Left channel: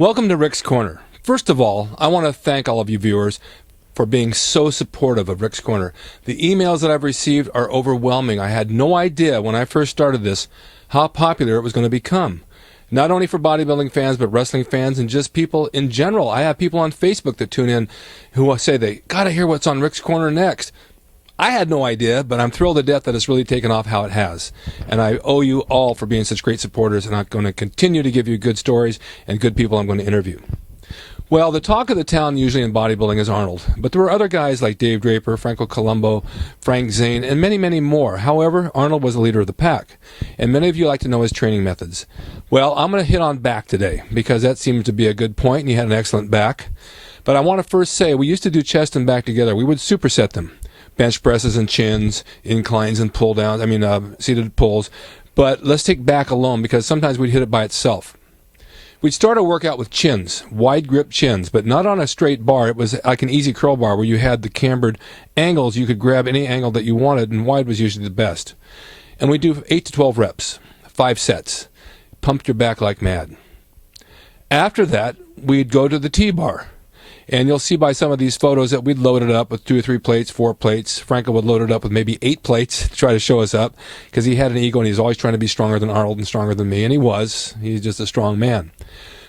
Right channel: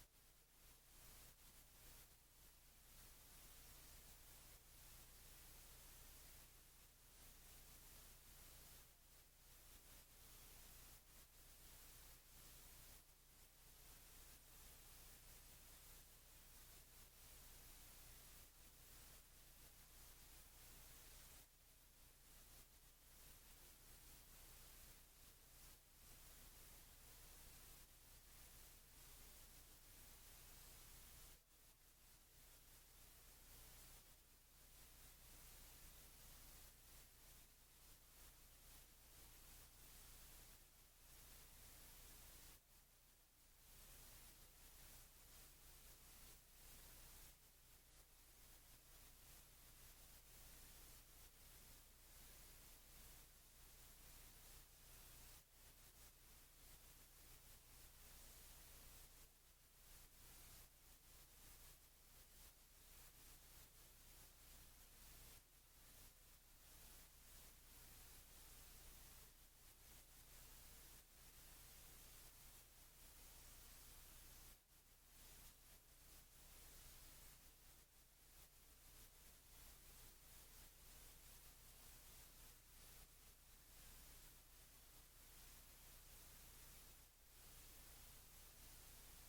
Welcome to Rick's Corner. First of all, I want to thank all of you viewers for being so supportive of Rick's Corner. The emails that I've received are overwhelming. I had no idea when I first started this how popular it was going to become. Not only for bodybuilding fans, but wrestling fans and just people in general. I have people on Facebook that tune in who say they got to hear what's on Rick's Corner next. I had no idea, but I'm thrilled to death that it's really taken off how it has. And I owe you all for being such great supporters, and I'm going to continue to give you good stories and good people I'm going to interview. Well, the talk of the town usually in bodybuilding is Arnold, but there were other guys like Dave Draper, Franco Colombo, Frank Zane, and many, many more. However, Arnold was the leader of the pack, and many of you like to know his training methods. Well, I'm going to hit on back today, because that seems to be a good point, and he had an excellent back. But I want to first say, we used to do chest and back together. We would superset them. Bench presses and chins, inclines and pull downs, seated pulls. But let's take back alone, because sometimes we'd hit it by itself. We'd start a workout with chins, wide grip chins, but not on a straight bar. It was like an easy curl bar where you had the cambered angles. You could grab any angle that you wanted, and wide was usually the best. And we'd do 8 to 12 reps, 5 sets. Pumped your back like mad. After that, we'd go to the T-bar. And you'll see by some of these photos that we'd load it up with 2 or 3 plates, 4 plates. Franco would load it up with maybe 8 plates to try to show us up, because he had an ego and he's always trying to be stronger than Arnold and stronger than me, and he was. He's just a strong man.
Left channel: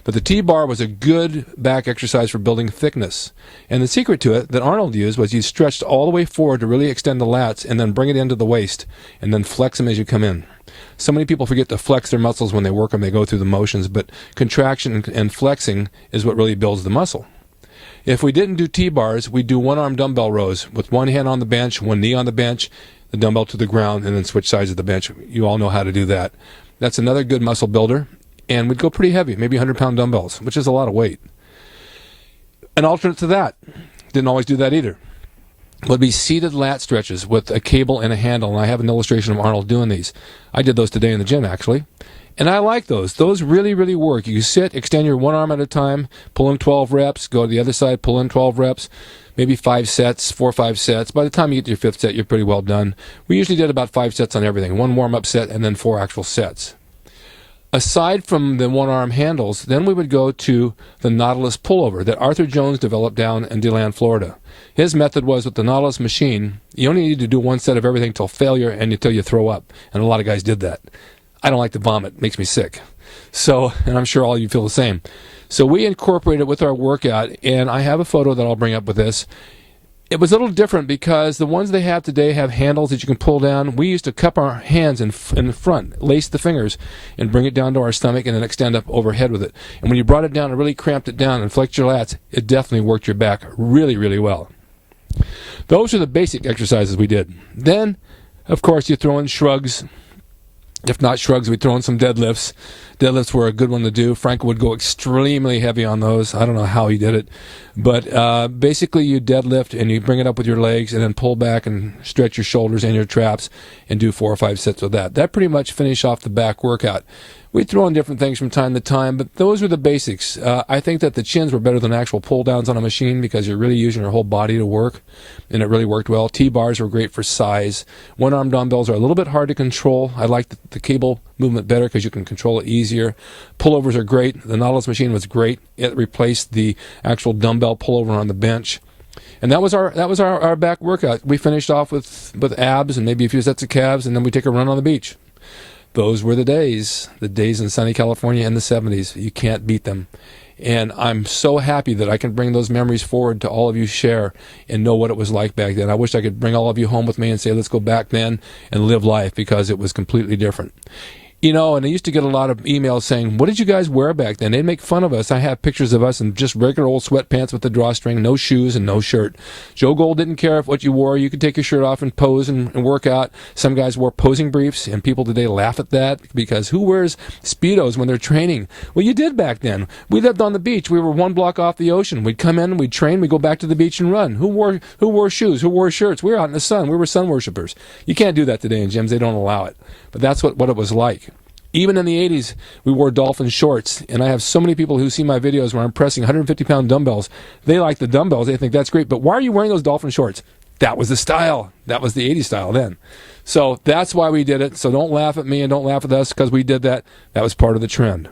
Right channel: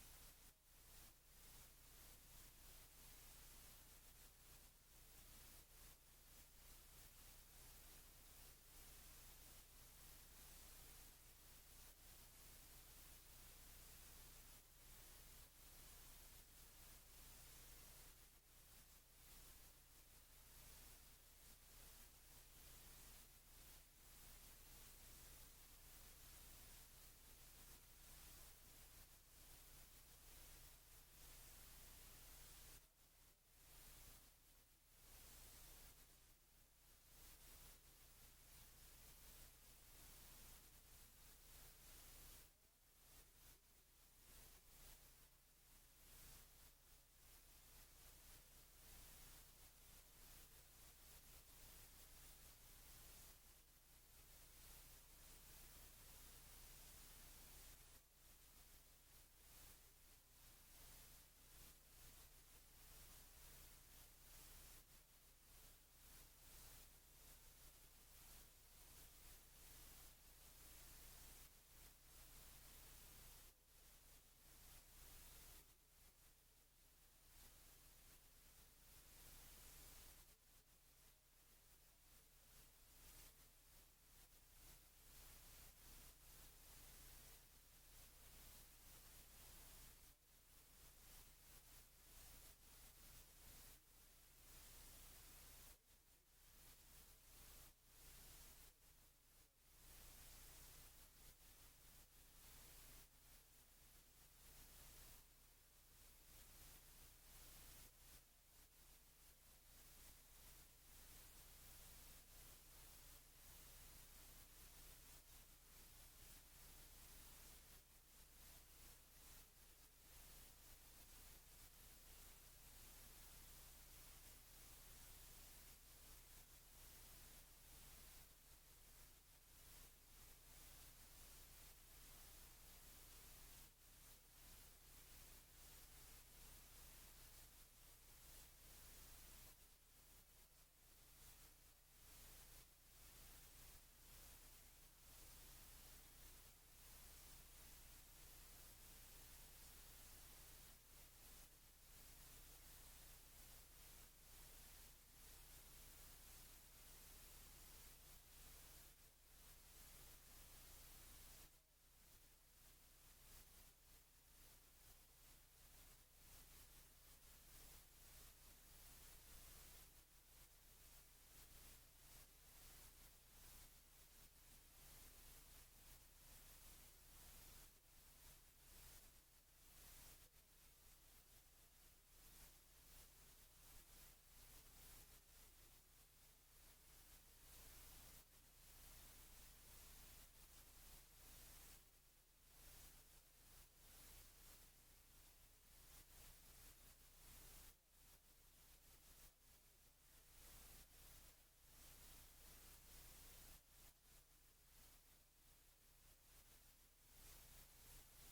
But the T-bar was a good back exercise for building thickness. And the secret to it that Arnold used was you stretched all the way forward to really extend the lats and then bring it into the waist and then flex them as you come in. So many people forget to flex their muscles when they work them, they go through the motions, but contraction and flexing is what really builds the muscle. If we didn't do T-bars, we'd do one-arm dumbbell rows with one hand on the bench, one knee on the bench, the dumbbell to the ground, and then switch sides of the bench. You all know how to do that. That's another good muscle builder. And we'd go pretty heavy, maybe 100-pound dumbbells, which is a lot of weight. An alternate to that, didn't always do that either, would be seated lat stretches with a cable and a handle. And I have an illustration of Arnold doing these. I did those today in the gym, actually. And I like those. Those really, really work. You sit, extend your one arm at a time, pull in 12 reps, go to the other side, pull in 12 reps, maybe 5 sets, 4 or 5 sets. By the time you get to your 5th set, you're pretty well done. We usually did about 5 sets on everything, 1 warm-up set and then 4 actual sets. Aside from the one-arm handles, then we would go to the Nautilus pullover that Arthur Jones developed down in DeLand, Florida. His method was with the Nautilus machine, you only need to do 1 set of everything till failure and until you throw up. And a lot of guys did that. I don't like to vomit. It makes me sick. So, and I'm sure all of you feel the same. So we incorporate it with our workout, and I have a photo that I'll bring up with this. It was a little different because the ones they have today have handles that you can pull down. We used to cup our hands in the front, lace the fingers, and bring it down to our stomach and then extend up overhead with it. And when you brought it down and really cramped it down and flexed your lats, it definitely worked your back really, really well. Those are the basic exercises we did. Then, of course, you throw in shrugs. If not shrugs, we throw in some deadlifts. Deadlifts were a good one to do. Frank would go extremely heavy on those. I don't know how he did it. But basically you deadlift and you bring it up with your legs and then pull back and stretch your shoulders and your traps and do 4 or 5 sets with that. That pretty much finished off the back workout. We throw in different things from time to time, but those were the basics. I think that the chins were better than actual pull downs on a machine because you're really using your whole body to work, and it really worked well. T-bars were great for size. One-arm dumbbells are a little bit hard to control. I like the cable movement better because you can control it easier. Pullovers are great. The Nautilus machine was great. It replaced the actual dumbbell pullover on the bench. And that was our back workout. We finished off with abs and maybe a few sets of calves, and then we take a run on the beach. Those were the days in sunny California in the 70s. You can't beat them. And I'm so happy that I can bring those memories forward to all of you share and know what it was like back then. I wish I could bring all of you home with me and say, let's go back then and live life, because it was completely different. You know, and I used to get a lot of emails saying, what did you guys wear back then? They'd make fun of us. I have pictures of us in just regular old sweatpants with the drawstring, no shoes and no shirt. Joe Gold didn't care if what you wore. You could take your shirt off and pose and work out. Some guys wore posing briefs, and people today laugh at that because who wears Speedos when they're training? Well, you did back then. We lived on the beach. We were 1 block off the ocean. We'd come in, we'd train, we'd go back to the beach and run. Who wore shoes? Who wore shirts? We were out in the sun. We were sun worshipers. You can't do that today in gyms. They don't allow it. But that's what it was like. Even in the 80s, we wore dolphin shorts, and I have so many people who see my videos where I'm pressing 150-pound dumbbells. They like the dumbbells. They think that's great, but why are you wearing those dolphin shorts? That was the style. That was the 80s style then. So that's why we did it. So don't laugh at me and don't laugh at us because we did that. That was part of the trend.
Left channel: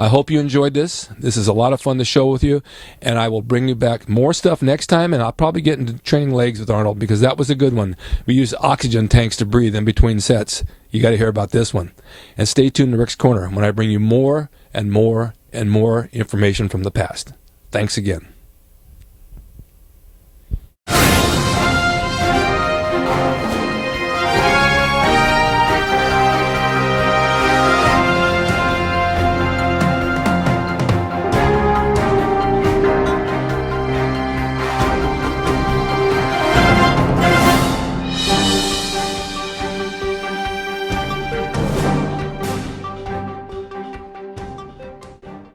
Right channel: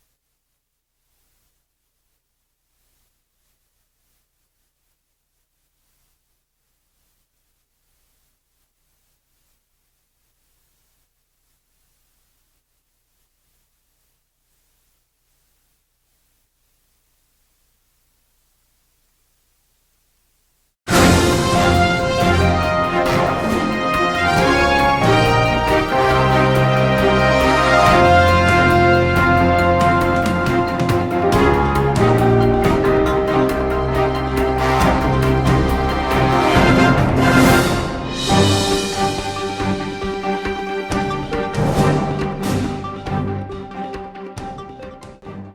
I hope you enjoyed this. This is a lot of fun to show with you, and I will bring you back more stuff next time, and I'll probably get into training legs with Arnold because that was a good one. We use oxygen tanks to breathe in between sets. You got to hear about this one. And stay tuned to Rick's Corner when I bring you more and more and more information from the past. Thanks again.